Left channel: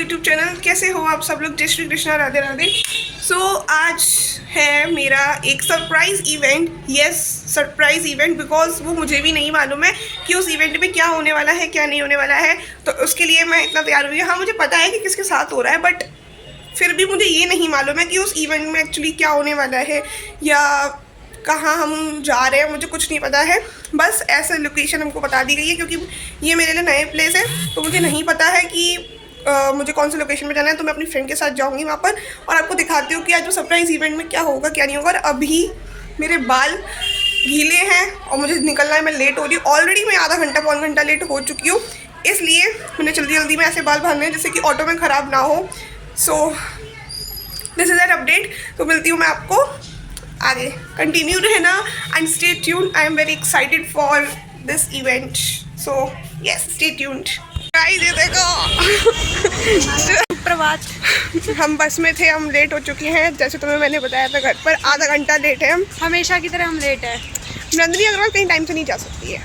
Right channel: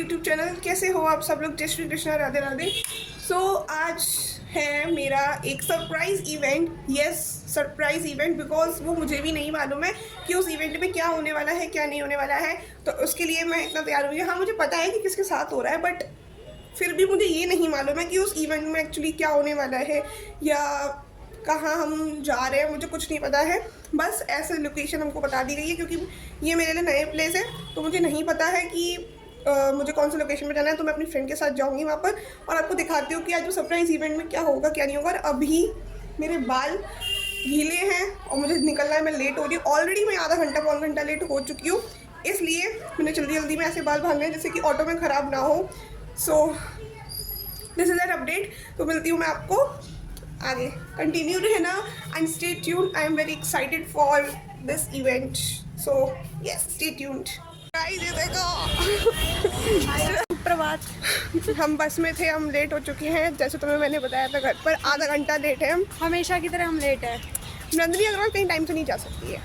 YouTube channel. कैसे हो आप सब लोग? जय श्री कृष्णा, राधे राधे। आज है मेरा एक surprise event. Yes, surprise event, because वो मुझे भी नहीं मालूम है कि उस इवेंट में क्या होने वाला है, क्या नहीं होने वाला है। तो उसके लिए मैं इतना तैयार हुई। हाँ, मुझे पता है कि किसके साथ हो रहा है, बट फिर भी मुझे ये नहीं मालूम है कि उस इवेंट में एक्चुअली क्या होने वाला है या कहाँ हम जा रहे हैं। मुझे कुछ नहीं पता है। बस ऐसे लोकेशन हमको बता दी गई है, क्योंकि ये मेरे लिए नए प्लेस है, तो मुझे नहीं पता है कि मुझे कौन सी लोकेशन में जाना है। तो मैं अपनी फ्रेंड के साथ जाऊंगी वहाँ पर और आपको दिखाती हूँ कि आज वो सरप्राइज इवेंट में क्या होगा, क्या नहीं होगा। और अभी मेरे बाल गीले हैं और मुझे निकलना है। मैं लेट हो रही हूँ ऑलरेडी। मैं आधा घंटा पौन घंटा लेट हो चुकी हूँ, इसलिए मैंने जल्दी जल्दी में ऐसे बाल बांधने हैं जैसे कि ऑटो में ख़राब ना हो। So this is an update. तो मिलती हूँ मैं आपको आगे। कंटिन्यू रहना and stay tuned. I am very excited for this event, so yes, stay tuned. Guys, ये देखो प्रभात। हम बस में थे, हम लेट हो चुके हैं। जैसे तुम्हें मैंने बताया था, घर पर आधा घंटा लेट है। हम हमेशा की तरह हम लेट है। नंदिनी अग्रवाल कहीं टाइम से नहीं जा सकती है,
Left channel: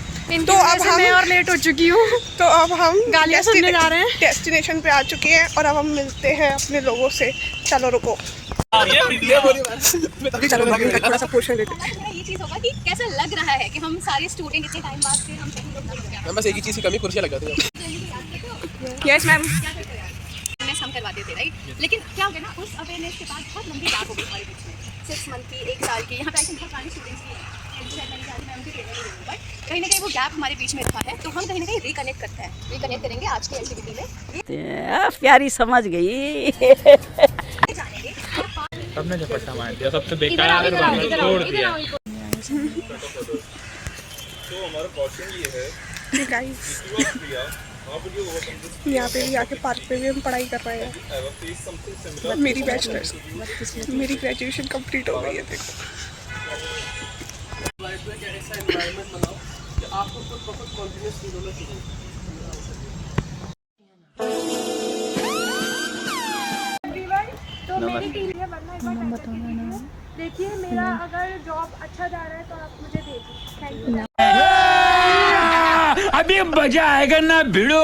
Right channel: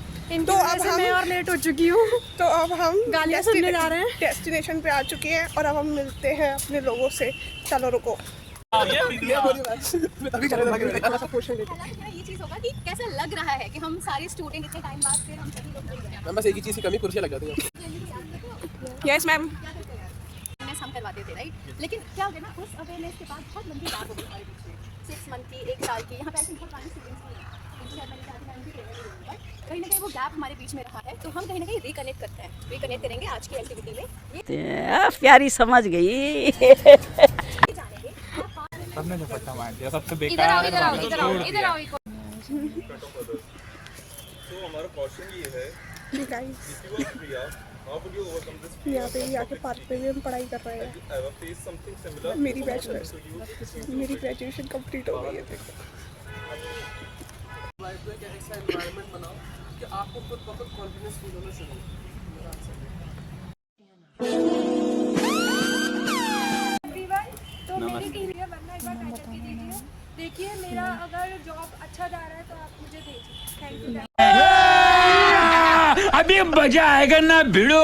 तो अब हम और लेट हो चुकी हूँ। तो अब हम गालियाँ सुनने जा रहे हैं। डेस्टिनेशन पे आ चुके हैं और अब हम मिलते हैं अपने लोगों से। चलो रुको, चलो थोड़ा सा पोर्शन लेते हैं। ये चीज होगा कि कैसा लग रहा है कि हम सारे स्टूडेंट इतने टाइम बाद फिर हम सभी लोग मैम बस एक ही चीज़ की कमी, कुर्सियाँ लग जाती हैं। Yes ma'am. हम करवाते थे, राइट? लेकिन क्या हो गया ना, उस अवेयरनेस के बाद बहुत लंबी बात हो गई हमारे बीच में। 6 मंथ की, 1 साल की, यहाँ पे बहुत सारे स्टूडेंट्स कहीं ना कहीं वो गैप हमारे बीच में रखा है। तो हम कहीं ना कहीं रिकनेक्ट करते हैं, रिकनेक्ट करेंगे आज की एक्टिविटी में। प्यारी समझ गई। सबने जो पैसा मार दिया, सबसे बेकार छोड़ दिया। तो हमारा क्वेश्चन ये है गाइस, यहाँ पे भी आके पार्क पे भी हम पढ़ाई कर रहे हैं। मेरी बैचलर्स, मेरी ग्रेजुएशन कंप्लीट हो गई है। देखो देखिए, मेरा अगर जॉब अच्छा जा रहा है तो आप मुझे भेजिए। Thank you. अभी मजा आएगा ना भिड़ो।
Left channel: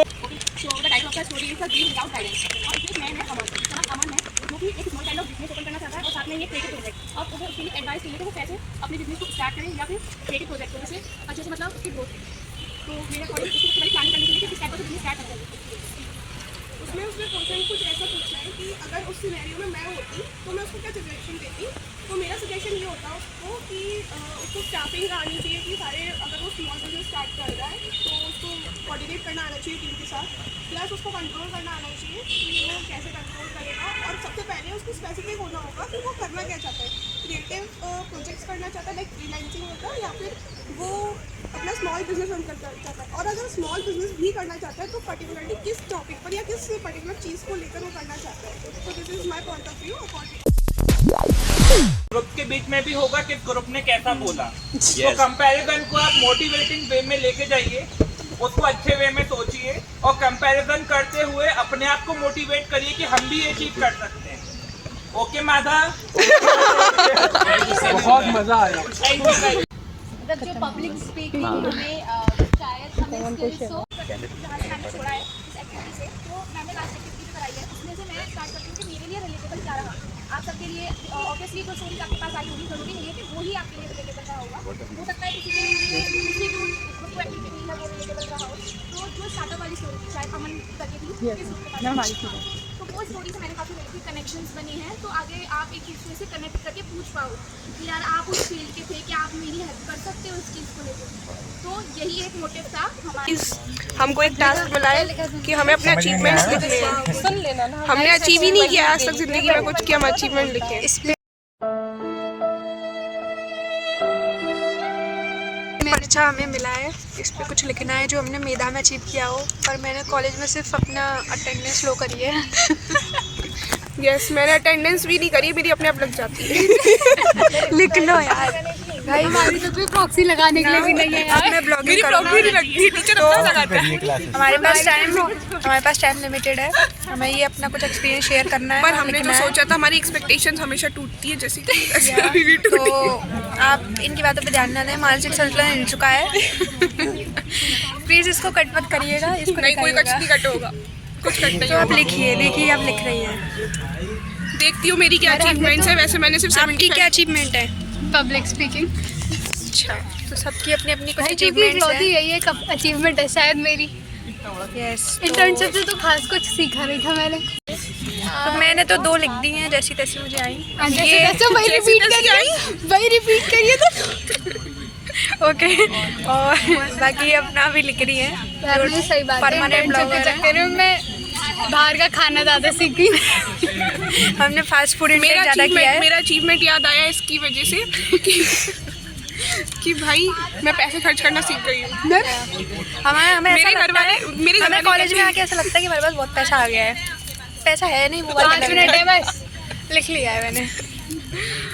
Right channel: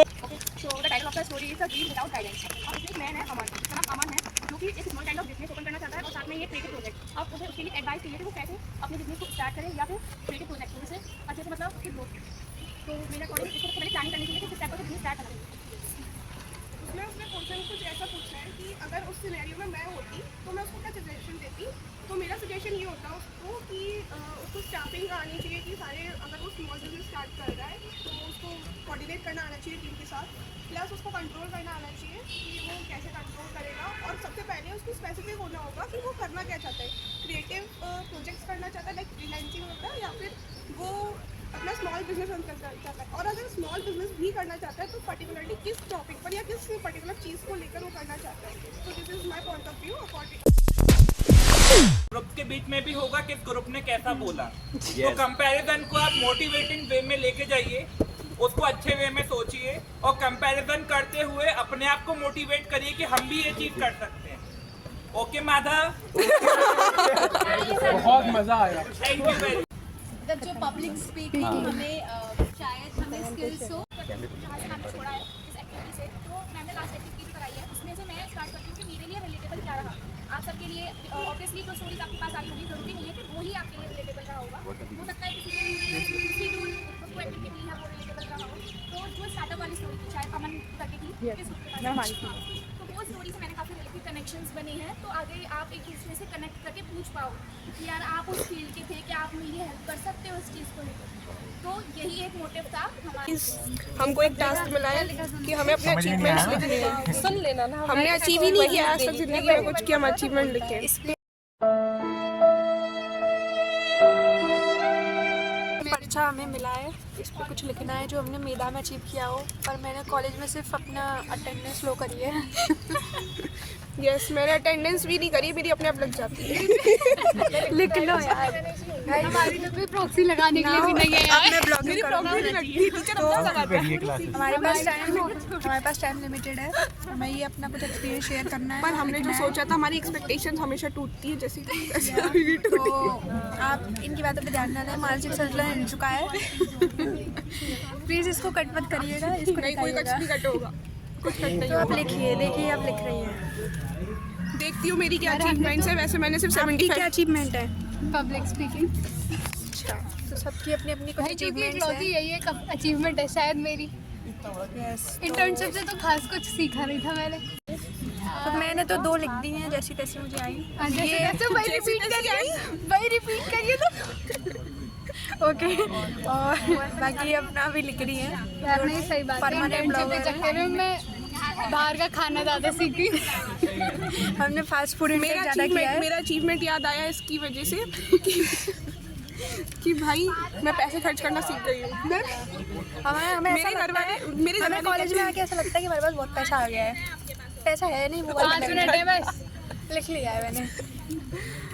एडवाइस चाहिए थे वो कैसे अपने बिजनेस को स्टार्ट करें या फिर क्रिएटिव प्रोजेक्ट से अच्छे से, मतलब उसकी ग्रोथ। तो मेरा कॉलेज इसको पहले प्लानिंग करने के लिए किस टाइप का बिजनेस स्टार्ट करते हैं। उसमें क्वेश्चन कुछ ऐसा पूछना है कि अगर उस सिनेरियो में मैं होती तो मैं उसको क्या सजेशन देती। तो मेरा सजेशन ये होता उसको कि उसको स्टाफिंग आनी चाहिए कि सारे, अगर वो स्मॉल बिजनेस स्टार्ट कर रहा है तो उसको कोऑर्डिनेट करना आना चाहिए टीम के साथ, प्लस उसको कंट्रोल करना आना चाहिए कि वो कैसे कंट्रोल करेगा। और सबसे पहले उसको स्पेसिफिक होना होगा कि वो करना क्या चाहता है। क्रिएटिव प्रोजेक्ट्स करना चाहता है, लाइक फ्रीलांसिंग होता है, या फिर वो अपना स्मॉल बिजनेस रन करना चाहता है। और अगर स्मॉल बिजनेस भी करना चाहता है तो पर्टिकुलरली किस टॉपिक पर या किस पर्टिकुलर चीज़ को लेकर वो करना चाहता है। तो this is my point of view. Group के बीच में भी होगा कि ग्रुप ने कैसा बोला। तो कंपैरिजन को आप मोटिवेटिंग वे में लेके जाइए, उसको अच्छे वे में सोचिए और कंपैरिजन करते हुए अपने आप को मोटिवेट करिए कि हम भी ये चीज कर सकते हैं। ओके माधा, बहुत मजा आया। अगर जो पब्लिक स्पीकिंग में शायद हमें स्किल्स हो छोड़ा है इस एक्टिविटी से, तो मैंने लास्ट एक्टिविटी जो कराई है उसमें से मैं स्टार्ट करती हूँ कि मेरे लिए रिलेटेबल क्या रहा। आप सबके लिए ऑब्वियसली जो स्टोरीज आपके पास आई होगी, जरूरी नहीं है कि वो ही आपके लिए रिलेटेबल रहा होगा। हो सकता है किसी के लिए दूसरी जो एक्टिविटी है वो रिलेटेबल रहा हो। तो जो स्टार्टअप वाली स्टोरी थी, शायद अमन करके थी, तो वो स्टोरी से मैंने काफ़ी रिलेटेड कनेक्शंस बने हैं। तो आगे आप एक दूसरे से कनेक्ट करके पूछ पाओ कि यार आप उस फील्ड के थे, क्या आप मेरी हेल्प कर सकते हो इस चीज़ को लेकर। तो यही एक मोटिव था हमारा। हमको एक टास्क मिला है कि हमें अपने अचीवमेंट्स लिखने हैं। हमने अचीव ही नहीं किया आज तक जिंदगी में कुछ, कि हम अचीवमेंट लिखे। इसलिए अच्छा हमें मिला है, इस पर कुछ लिखना है जो हमने मेधा में अचीव किया हो। और मैंने कॉलेज में सिर्फ अपना अटेंडेंस लो करी है। यस, मैंने अटेंडेंस भी नहीं करी, मेरी अपने आप लग जाती है। लिख लो यार भाई, हमारी तो कोई प्रॉक्सी लगाने के लिए भी नहीं है यार। मैं ब्लॉगिंग करूँगा तो हमारे पास टाइम लिमिटेड है। हमें ये अपना कुछ एक्सपीरियंस शेयर करना है। पर हमने जो सोचा था, हमारी एक्सपेक्टेशंस हमेशा टूटती है, जैसे कि तो आप इनकी बातों पे ध्यान ना दें। मानसिक संतुलन हिल चुका है। प्लीज़ इसको कट मत करिएगा। इसको नहीं, कोई कट नहीं कट होगा। कुछ कट नहीं तो आप होगा। लिखिए, देखिए आप लिख रही हैं। देखती हूँ मेरी क्या अचीवमेंट्स है। वैसे मैंने सिर्फ आपकी क्या अचीवमेंट है? Public speaking. अच्छा, तो सबकी अपनी अपनी कुछ भाई क्योंकि अचीवमेंट्स इकलौती हैं। यही एक अचीवमेंट है शायद मेरी। यस, इंटर्नशिप से तो खास कुछ सीखा नहीं था मैंने। तो मैंने तो 2 लिख दी हैं, जैसी तैसी मुझे आई। जैसे तैसे वही जैसी रिपीट तैसी करिए, वही रिपीट करिए तो। ओके, और बाकी अपना भी लिख रही है। नहीं सही बात है, Permanent इंटर्नशिप के blogger है। चक्कर में मैं बाहर का खाना ज़्यादा सीख गई। हमने फास्ट फूड इंटेक ज़्यादा किया है। मेरा अचीवमेंट याद आया इसकी वजह से कि भाई मैं पैसे खर्च करना सीख गई हूँ। हमें ऐसा मेरे घर लगता है, वाले मेरे घर हमें वाले कॉलेज में कहते आके ऐसा लगता है कि हमारे पास बहुत पैसा आ गया है। पैसा है नहीं, वो 5 मिनट है बस। लिख लिया है मैंने।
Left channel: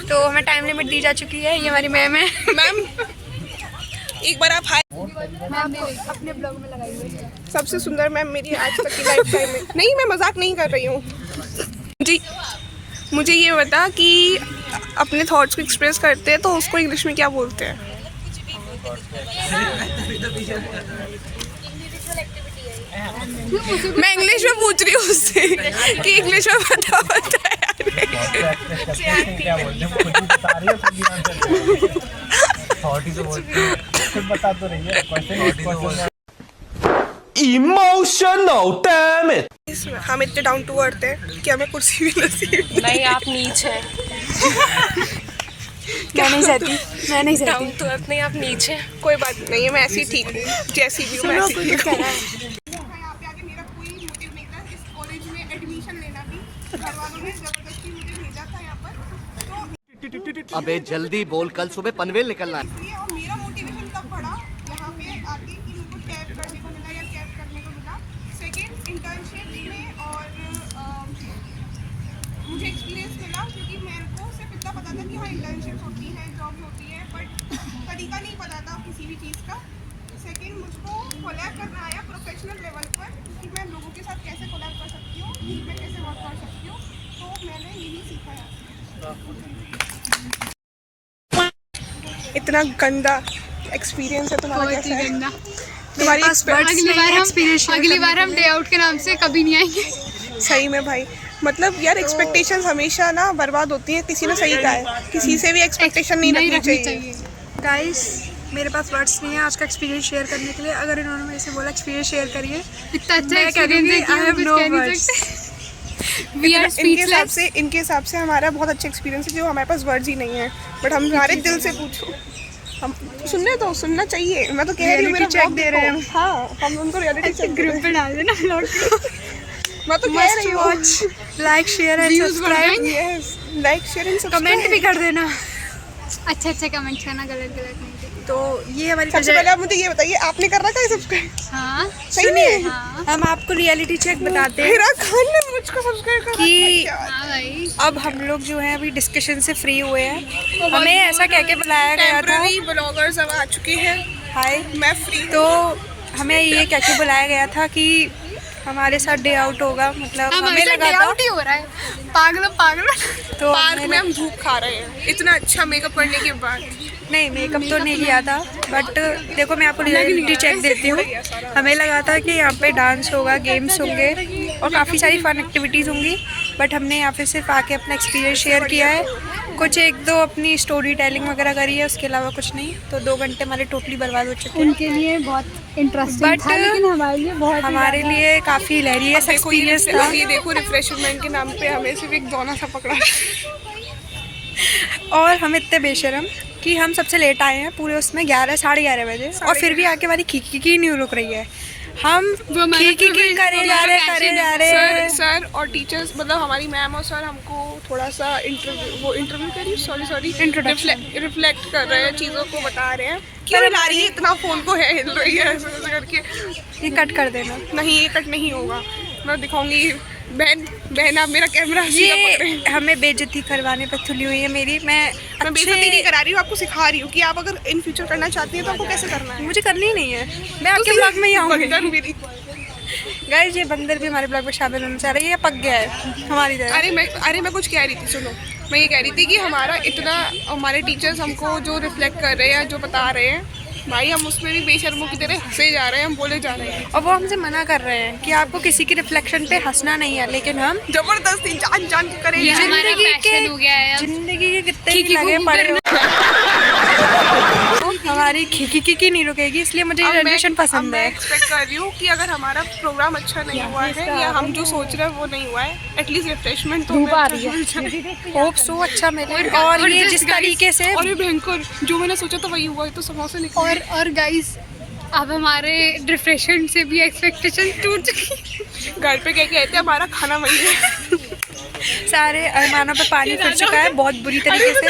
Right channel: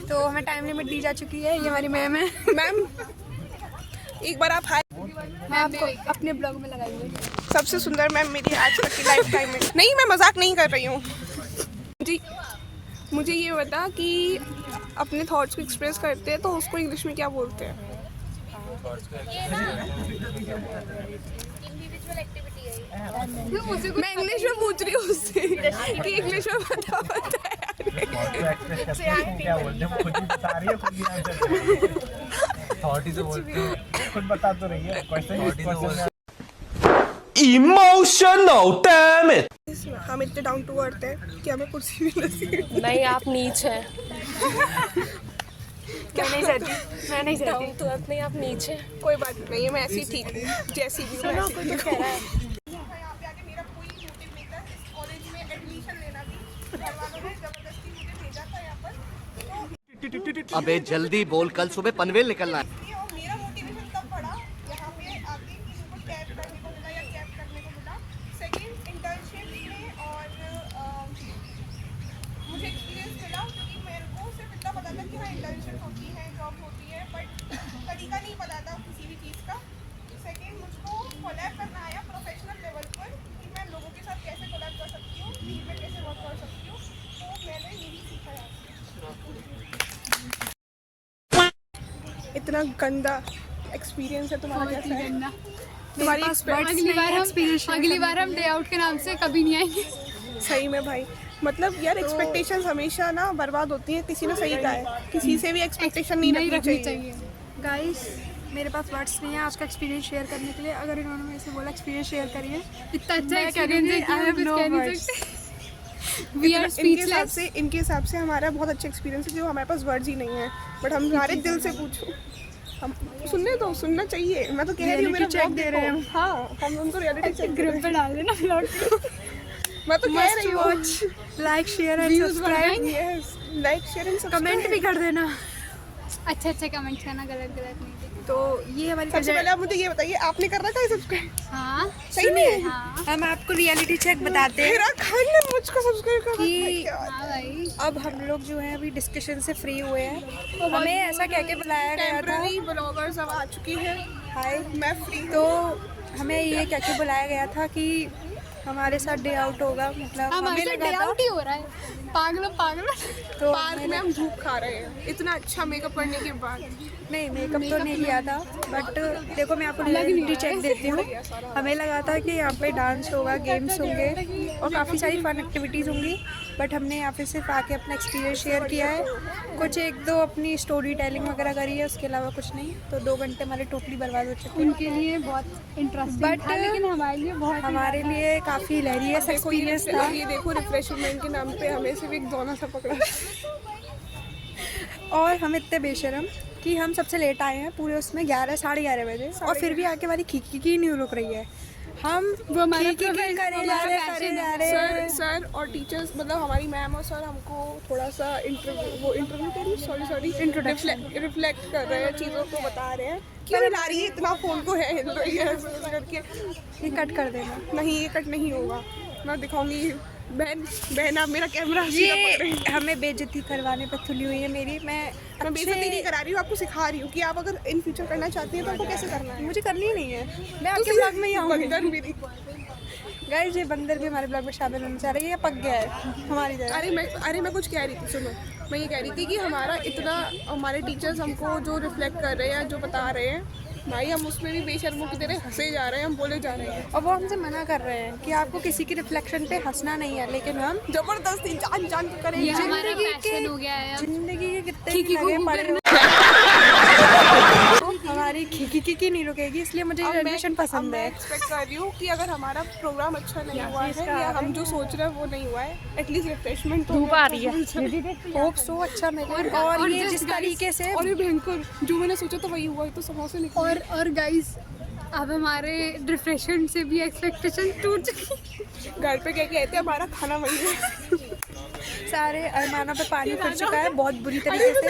तो हमें टाइम लिमिट दी जा चुकी है। ये हमारी मैम है। हैं। मैम एक बार आप हाय। अपने ब्लॉग में लगाइए। सबसे सुंदर मैम मेरी आज तक की लाइफ टाइम में। नहीं, मैं मजाक नहीं कर रही हूँ जी। मुझे ये बता कि अपने थॉट्स को एक्सप्रेस करते हैं तो उसको इंग्लिश में क्या बोलते हैं? मैं इंग्लिश में पूछ रही हूँ उससे कि इंग्लिश में बता इमोशनल डैम इट। हम इतने डाउन टू अर्थ हैं कि हमें कुर्सी भी नसीब नहीं, आप नीच है। मैं नहीं चाहती, मैं नहीं चाहती। डाउन टू अर्थ नहीं, आप नीच है। कोई बात नहीं है, मैं ऐसी ठीक हूँ जैसी भी हूँ, मैं ऐसी ठीक हूँ। यहाँ पे आके मेरा कोई मोटिव नहीं था इस कॉलेज में एडमिशन लेना भी। घर वालों ने जबरदस्ती मुझे भेजा था यहाँ पर, तो अबे जल्दी बोल, कल सुबह पनवेल निकलना है। इसलिए और मेरा मोटिवेशन तब बढ़ा यहाँ पे आके कि मेरे को टैप करने को मिला या कैप करने को मिला। सेकेंड इंटर्नशिप में और मुझे एक्सपीरियंस मिला क्योंकि मेरे को सिर्फ इतना पता था कि हाँ इंटर्नशिप होती है, जॉब होती है, बट तरीका नहीं पता था किसी भी चीज़ का। सेकेंड मुझको कोलैब करना आया प्रोफेशनल लेवल पर कि मैं लोगों के साथ कैसे कोलैब कर सकती हूँ, टीम में कैसे वर्क कर सकती हूँ। तो मैंने यही सीखा यहाँ से। इतना गंदा एक्सपीरियंस है तुम्हारा, बहुत ही कैसा है? गंदा। तुम्हारी पास words अगली बार हम डे आउट के नाम से कभी नहीं आएंगे। सही में भाई, मतलब यार एक्सपेक्टेशंस हमेशा ना बर्बाद होती है। किसी ने सही कहा है, किसी से भी एक्सपेक्टेशन नहीं रखनी चाहिए। गाइस, मेरे पास वर्ड्स नहीं है आज का एक्सपीरियंस शेयर करने के लिए। अगर इन्होंने मेरे से बोला एक्सपीरियंस शेयर करिए, इतना अच्छा मैं कह दूँगी I have no words. We are इनके हिसाब से हमारा बहुत अच्छा एक्सपीरियंस है जो हमारे पास वर्ड्स ही नहीं है। बट हम हमारे दिल से पूछो, हम सुनना चाहिए। मैं तो कह रही हूँ मेरा Reality check vlog दे रहे हैं हम। देखो। हाँ, हम उनको रियलिटी चेक ग्रुप पे डाल देना ब्लॉग। मैं तो कह रही हूँ लाइक शेयर एंड Views बढ़ subscribe, yes, like share and comment भी कर देना। अच्छे अच्छे कमेंट करना, गलत गलत नहीं। तो ये हमारी सबसे पहले आप मुझे ये बताइए, आपने कर रखा है सब्सक्राइब? हाँ सही में? हम आपको रियलिटी चेक बताते हैं मेरा खान ने मुझको सब्सक्राइब कर कि हाँ भाई, अब हम लोग जो है अभी डिस्कशन से फ्री हुए हैं। हमें ऐसा कह के बुलाया गया था, टेम्पररी ब्लॉगर्स अब आ चुके हैं। हाय, मैं फ्री तो हमें ये कह के बुलाया गया था कि हमारे साथ डे आउट होगा। मतलब अब हमें ऐसा लगा डे था, आउट ही हो रहा है। पागल तो पार्क में हम धूप खा रहे हैं इतना अच्छा मेकअप करने के बाद। नहीं, मेकअप तो नहीं किया था, बट देखो मैं आपको रियलिटी चेक देती हूँ। हमें लगा था कि यहाँ पे डांस होगा, गेम्स होंगे और काफ़ी सारी फन एक्टिविटीज़ होंगी, बट हमने यहाँ पे सिर्फ आके अपना एक्सपीरियंस शेयर किया है। कुछ 1-2 अपनी स्टोरी टेलिंग वगैरह करी है, उसके अलावा कुछ नहीं। तो 2 घंटे हमारे टोटली बर्बाद हो चुके हैं। उनके लिए बहुत इंटरेस्टिंग But था, लेकिन हमारे लिए बहुत हमारे लिए काफ़ी हिलेरियस एक्सपीरियंस था। ये देखो रिफ्रेशमेंट के नाम पे हमें सिर्फ एक दोना सा पकड़ा। और हम इतने बेशरम कि हम सबसे लेट आए हैं पूरे उसमें 11 साढ़े 11 बजे, और फिर भी आके हमारी खीखी नहीं रुक रही है। हम खीखी करे जा रहे हैं। सर और टीचर्स, मतलब हमारी मैम और सर हमको थोड़ा सा इंटरव्यू करिए, सॉरी रिफ्लेक्ट कर रहे हैं, चीज़ों को बता रहे हैं। क्यों ला रही है इतना फोन को, है हिल रही है ऐसे करके। ये कट कर देना। नहीं, ये कट नहीं होगा, मैं दिखाऊंगी। बहन आप मेरा कैमरा सीधा पकड़े। ये हमें बेइज्जती करवाने पर तुली हुई है मेरी। मैं बेइज्जती नहीं करा रही हूँ, आपको सिखा रही हूँ कि आप अगर इन फ्यूचर करना चाहती है तो आपको कैसे करना है। मुझे करनी ही नहीं है, मैं आपके ब्लॉग में ही आऊँगी। बंदर मेरी। गाइस, ये बंदर भी हमारे ब्लॉग में शामिल होना चाह रही है, ये पक गया है हमारी तरह। अरे मैं कुछ कह रही थी, सुनो। मैं ये कह रही थी कि हमारा इतना, हमारे टीचर्स हमको जो रिफ्लेक्ट कर रहे हैं, जो बता रहे हैं भाई हम उसमें भी बेशर्मों की तरह हंसे जा रहे हैं, हम बोले जा रहे हैं और वो हमसे मना कर रहे हैं कि आपको किसी की रिफ्लेक्शन पे हंसना नहीं है, लेकिन हम जबरदस्ती जान जान के करेंगे। जिंदगी के कितने ही लगे पड़े हो, हमारी खिकी नहीं रुकेगी, इसलिए मुझे ये जनरेशन पसंद मैं है। एक्सपेक्ट कर रही हूँ कि अगर हमारा प्रोग्राम अच्छा नहीं हुआ है या हम जो सोच रहे हैं वो नहीं हुआ है, एटलीस्ट रिफ्रेशमेंट तो होप सो अच्छा मिले। और ये जिस तरीके से और ये भयंकर जो मैंने सोचा था वही हुआ है, तो समोसे निकले। और गाइस अब हमारे रिफ्रेशमेंट से भी एक्सपेक्टेशन टूट चुकी। घर पे क्या कहते हैं, हमारा खाना वही है। सारे अरमानों पे पानी फिर चुका है बहुत बुरी तरीके से।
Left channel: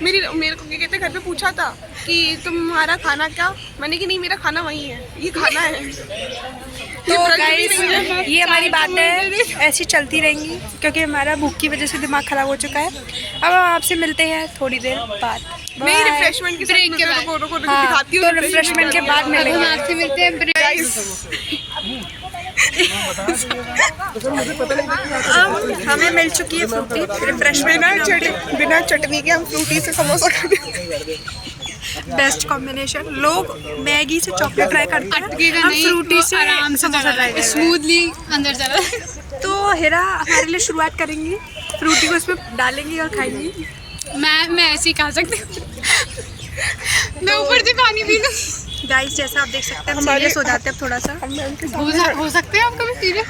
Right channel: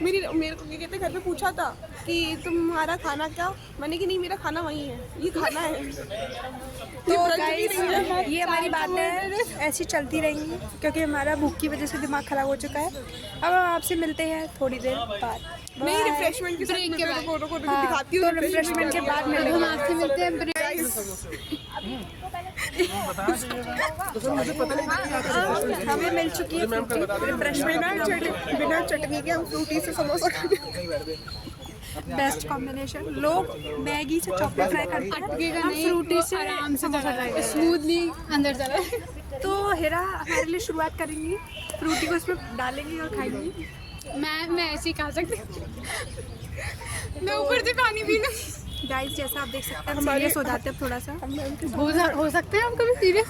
मेरे को क्या कहते हैं, घर पे पूछा था कि तुम्हारा खाना क्या, मैंने कि नहीं मेरा खाना वही है, ये खाना है। तो गाइस ये हमारी बातें ऐसी चलती रहेंगी क्योंकि हमारा भूख की वजह से दिमाग खराब हो चुका है। अब हम आपसे मिलते हैं थोड़ी देर बाद। नहीं, रिफ्रेशमेंट के ब्रेक के बाद। हाँ, दिखाती हूँ तो रिफ्रेशमेंट के बाद हम मिलेंगे। आपसे मिलते हैं हमें मिल चुकी है फ्रूटी रिफ्रेशमेंट। बिना चटनी के हम फ्रूटी से समोसा खाते। Best combination. लोग मैगी से चॉकलेट ट्राई करते हैं, अटकेगा हम नहीं, फ्रूटी से आराम से समोसा ट्राई करेंगे। स्मूथली अंदर चला। तो हिरा हमारे लिए शुरुआत करेंगी, फ्रूटी को इसमें डालेंगी और खाएंगी। मैं ऐसे ही खा सकती हूँ। मैं ऊपर से पानी पी लूँ। गाइस जैसा आप देख सकते हैं हम सीरियस हो जाते हैं अब थोड़ा सा। हो सकते हैं आप कभी सीरियस।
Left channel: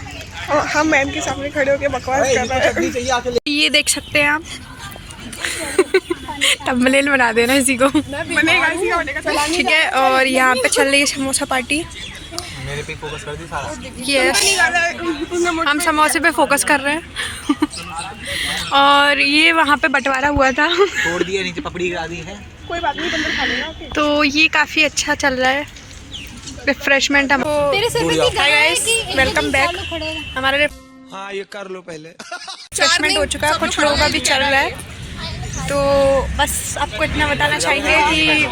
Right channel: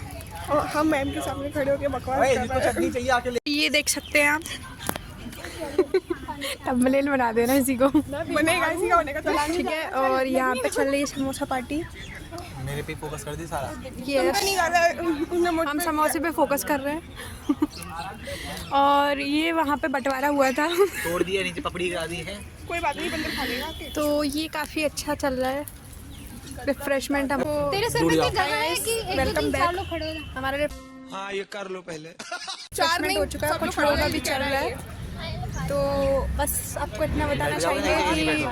हम मैम के सामने खड़े होकर बकवास कर रहे हैं। ये देख सकते हैं आप। थंबनेल बना देना इसी को। बनेगा, इसी का बनेगा। ठीक है, और यहाँ पे चल रही है समोसा पार्टी। मेरे पे फोकस कर दी सारा। ये हम समोसे पे फोकस कर रहे हैं। और ये वहाँ पे बंटवारा हुआ था, तोड़ दिया, नीचे पपड़ी गिरा दी है। कोई बात नहीं, अंदर खा लेना। तो ये काफ़ी अच्छा चल रहा है रिफ्रेशमेंट हम। तेरे सिर पे की हाय गाइस, वेलकम बैक। हमारा हाँ ये कर लो पहले। रिफ्रेशमेंट हो चुका है, कुछ लोगों का भी चल रहा है। तो बस आपको इतना बताना चाहिए कि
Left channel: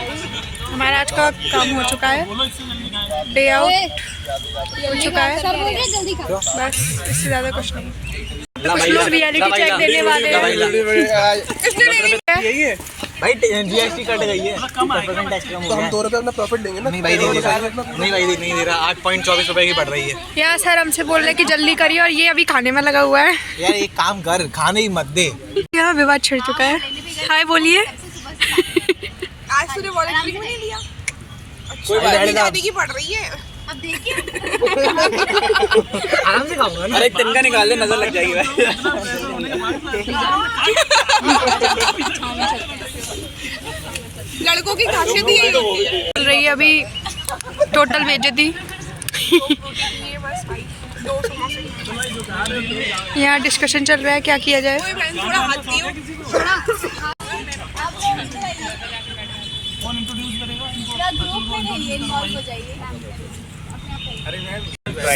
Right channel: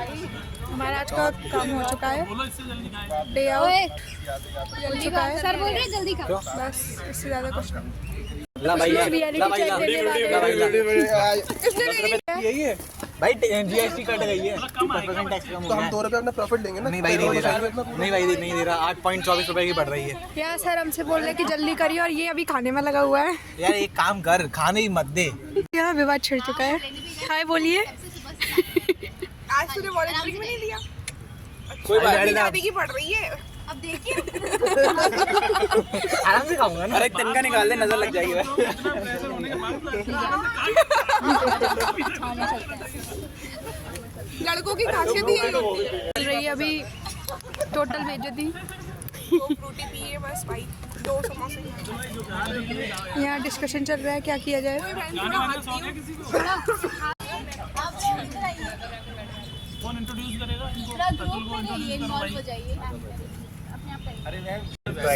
हमारा आज का काम हो चुका है, डे आउट हो चुका है। सब हो गया, जल्दी खा। बस इससे ज़्यादा कुछ नहीं। कुछ लोग रियलिटी चेक देने वाले हैं। भाई जीएसटी कट गई है, तो हम 2 रुपए अपना प्रॉफिट देंगे ना। नहीं भाई नहीं दे रहा, नहीं भाई नहीं दे रहा। 8.24 रुपए की बढ़ रही है यार सर हमसे बोल रहे कि जल्दी करिए, और ये अभी खाने में लगा हुआ है। यार। एक काम कर, खाने ही मत दे। यहाँ विवाद छिड़ चुका है। हाय बोलिए। आज तूने वॉलंटरी क्यों नहीं लिया? कोई बात नहीं, शादी की पड़ रही है। अब देखिए आराम से खाऊंगा ना। अरे तिनका निकाल दे, नजर लग जाएगी भाई। लड़कों की खासियत ही चल रही है अभी टोटल बेइज्जती। यहाँ डिस्कशन चल रहा है क्या किया जाए। थोड़ा हाथ दियो।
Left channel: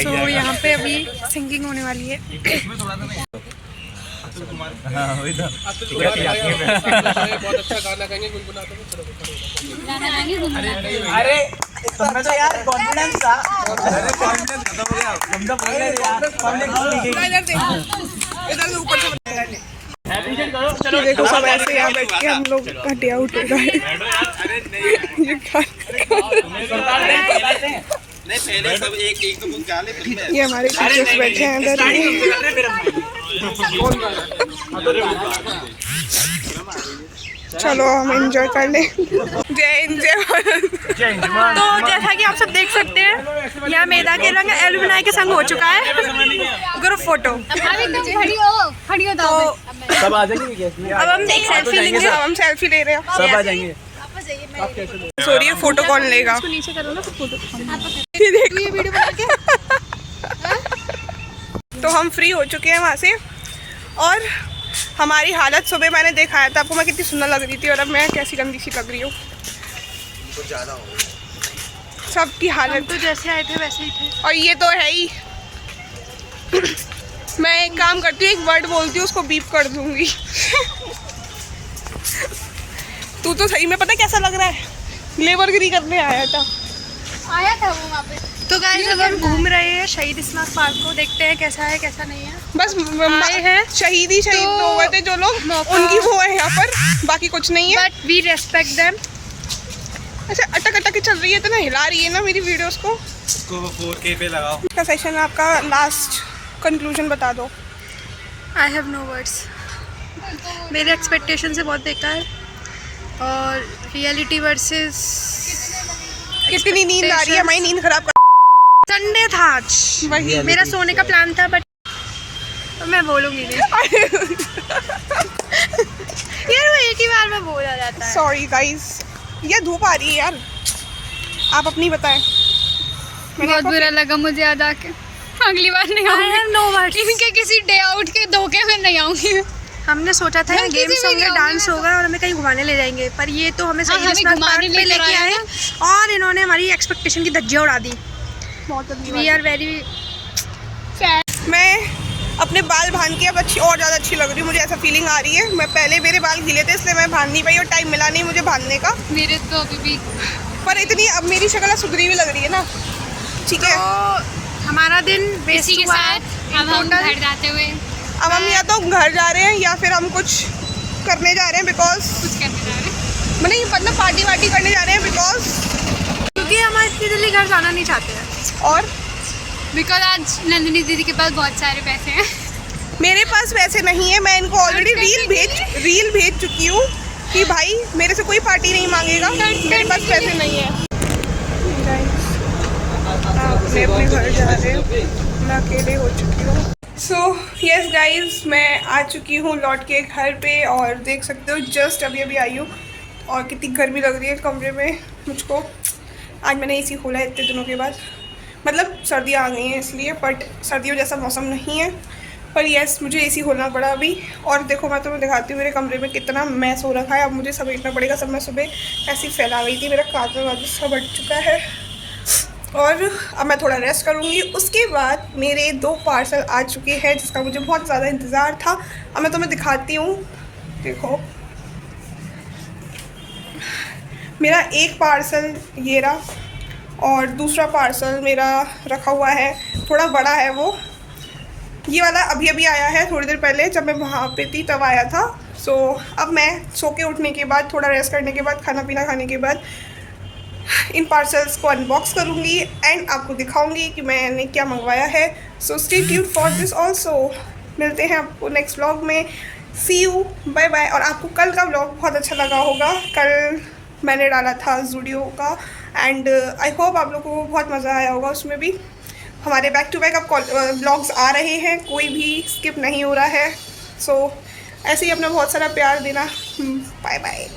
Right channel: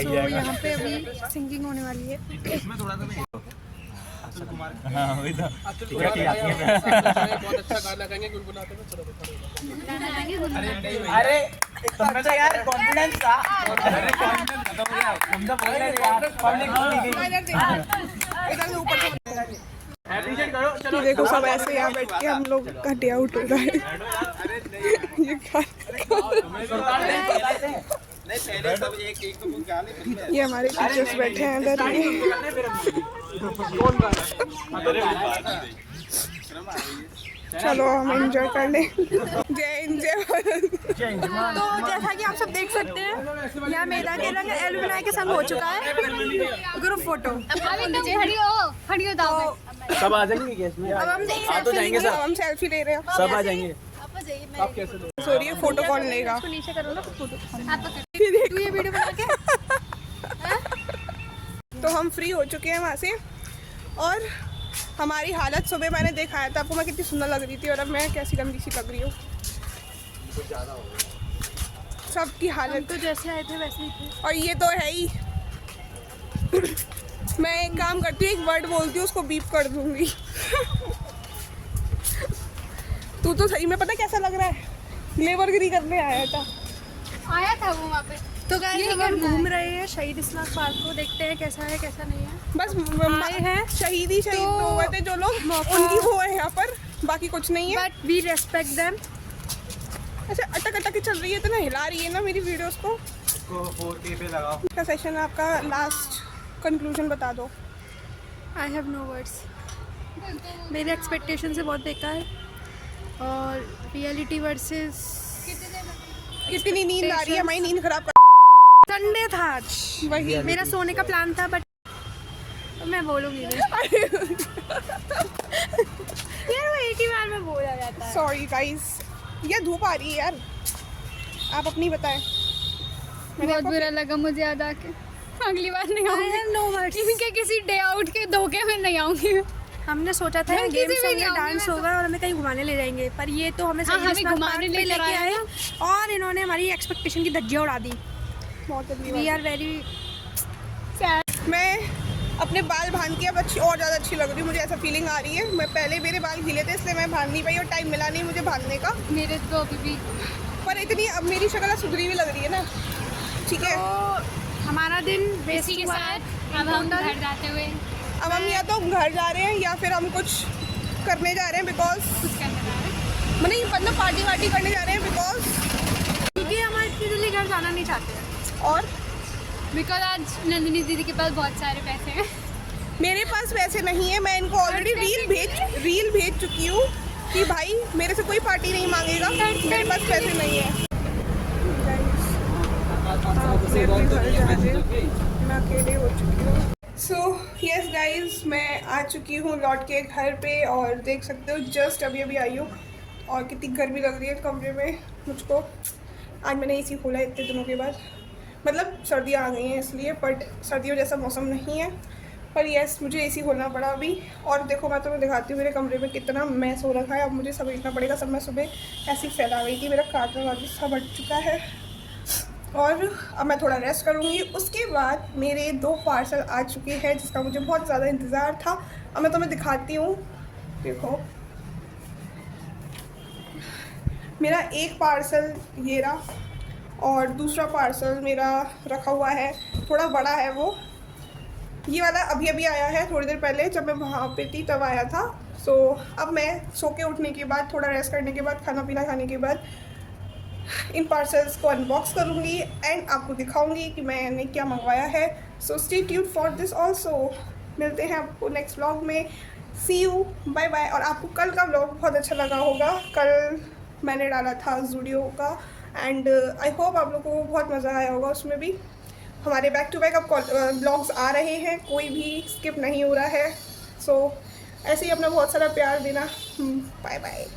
तो यहाँ पे अभी सिंगिंग होने वाली है। हाँ वही तो। अरे तुमने तो यार कॉन्फिडेंस था। अरे कॉन्फिडेंस खत्म हो गया, तुम तो बोल रहे यार पब्लिक इधर से ऊपर से देखो, सब ऐसे यहाँ बैठ के हम लोग घटिया उठ रहा है। ये हमारे टीचर्स बैठे हैं अंदर। चलो हम एंजॉय कर लें। जय हिंद, जय भारत। तो जैसा कि आप सब देख सकते हैं यहाँ मैदा के रंग एलुमिनाई के संग हो चुका है ग्रुप फोटो। खड़ी हो दाओ पे। सब आ जाएंगे। अब हम एक सेल्फी लेंगे। हम सेल्फी ले रहे हैं। सब आ जाएंगे। सॉरी, ये फोटो कौन लेगा? नीचे करो ना फोटो। ये देखो। तो हम फ्री हो चुके हैं वहाँ से, और हमारी हालत सुबह मैंने दिखाया था आपको, मैं कितनी सुंदर लग रही थी, और अब मैं कैसी गंदी सी लग रही हूँ। सबकी हालत तो जैसे आए थे वैसे ही थे। और ये तो है ही। मैं एक काम करती हूँ, एक वर्ड बोलती हूँ, उसको बीप कर दूंगी। तू तो सही में पता कैसा लग रहा है, लेबरगिरी करने आया था। वो वहाँ पे। तो गाइस अब हम घूम रहे हैं शहीद स्मारक पार्क को, देखते हैं कैसा है कैसा नहीं है। बस आए हैं शहीद हो गए थे जो लोग, मौका- उनकी वो है यहाँ पर, बाकी कुछ नहीं है। But we respect them. अच्छा अटक अटक के चल रही है, इतना हिला रही है ना मेरी वीडियोस को। इसको 4K पे लगाओ। का सेशन आपका लास्ट कंक्लूजन बता दो। I have no words. मेरे एक्सपेक्टेशन से बहुत बेकार और रियलिटी वर्सेस कितनी नींद आ रही है, हमारी नींद खराब कर। संडे था आज, वही मेरा सोने का प्लान था बट मैं बोलूँगी नहीं। यार वो एक ही बार में बोला जाता है। सॉरी गाइस, ये धूप आ रही है यार, आप अपनी बताएं। बहुत बुरा लगा मुझे याद आके, अगली बार नहीं आई आऊंगी। Have no words. इनके किसी डे आउट के धोखे में नहीं आऊंगी। हमने सोचा था मैं यहाँ किसी गेम्स में होंगे, नहीं डांस होंगी, होगा और हमें कहीं घुमाने ले जाएंगे, पर ये तो हमें हाँ, सही हमें घुमाने पे लेकर लेके आया आए और इन्होंने हमारी एक्सपेक्टेशन की धज्जियाँ उड़ा दी। We are very. मैं अपने बाल बांध के अब और ज़्यादा अच्छी लग रही हूँ, मुझे ऐसा फीलिंग आ रही है। मैं पहले मेरे बाल गीले थे इसलिए मैं बांध नहीं पाई और टाइम मिला नहीं मुझे बांधने का, मेरे तो अभी भी पर इतनी अब मेरी शक्ल सुधरी हुई लग रही है ना। ठीक है, तो हमारा दिन इसी बेसिक के साथ अब हम घर जाते हुए अब हम या तो घर जा रहे हैं या फिर हम कुछ करने जा रहे हैं, बिकॉज कुछ करने जा रहे हैं। मतलब पार्टी वार्टी करने जा रहे हैं बिकॉज। क्योंकि हम इतनी जल्दी घर जाना नहीं चाहते हैं। और बिकॉज आज नंदिनी दीदी के पास बहुत सारे पैसे हैं। मेरे पास पैसे नहीं है, मैं इनको ऑलरेडी रील भेज चुकी हूँ कि भाई मेरे से कोई पार्टी नहीं मांगेगा, मेरे पास पैसे नहीं है। मैं अपने घर जा रहे हैं, मैं अकेले हो चुकी हूँ। सो यस गाइज, मैं आ चुकी हूँ लौट के घर पे और देख सकते हो जस्ट अभी अभी आई हूँ और कितनी गर्मी लग रही है कमरे में मुझको। आज मैंने एसी खोला है इतने दिनों के बाद, मतलब सर्दियाँ आ गई हैं इसलिए, बट सर्दियों जैसा मौसम नहीं है, पर यस मुझे एसी खोलना पड़ा अभी। और देखो मैं तुम्हें दिखाती हूँ मेरे कमरे में कितना मैस हो रखा है, अब मुझे समेटना पड़ेगा सब। मैं सुबह ऐसी फैला गई थी, मेरा काजल वाजल सब हट चुका है और अब मैं थोड़ा रेस्ट करूँगी। उसके बाद मेरे 2 पार्सल आ चुके हैं जिसका मुझे बहुत ज़्यादा इंतज़ार था। अब मैं तुम्हें दिखाती हूँ, देखो मेरा एक पार्सल ये रहा और दूसरा पार्सल मेरा रखा हुआ है, थोड़ा बड़ा है वो। ये वाला अभी अभी आया है, थोड़ी देर पहले जब मैं वहाँ पे थी तब आया था। सो अब मैं सो के उठने के बाद, थोड़ा रेस्ट करने के बाद, खाना पीना खाने के बाद इन पार्सल्स को अनबॉक्स करूँगी एंड आपको दिखाऊंगी कि मैंने क्या मंगवाया है। So stay tuned for this also. मिलते हैं आपको नेक्स्ट व्लॉग में। सी यू, बाय बाय। और आपको कल का व्लॉग बहुत अच्छा लगा होगा, कल मैंने डाला था ज़ूडियो का एंड आई होप आप लोगों को बहुत मज़ा आया होगा उसमें भी। हमारे बैक टू बैक अब व्लॉग्स आ रहे हैं, कोई भी स्किप नहीं हो रहा है। सो ऐसे ही अपना बहुत सारा प्यार देना। Bye bye.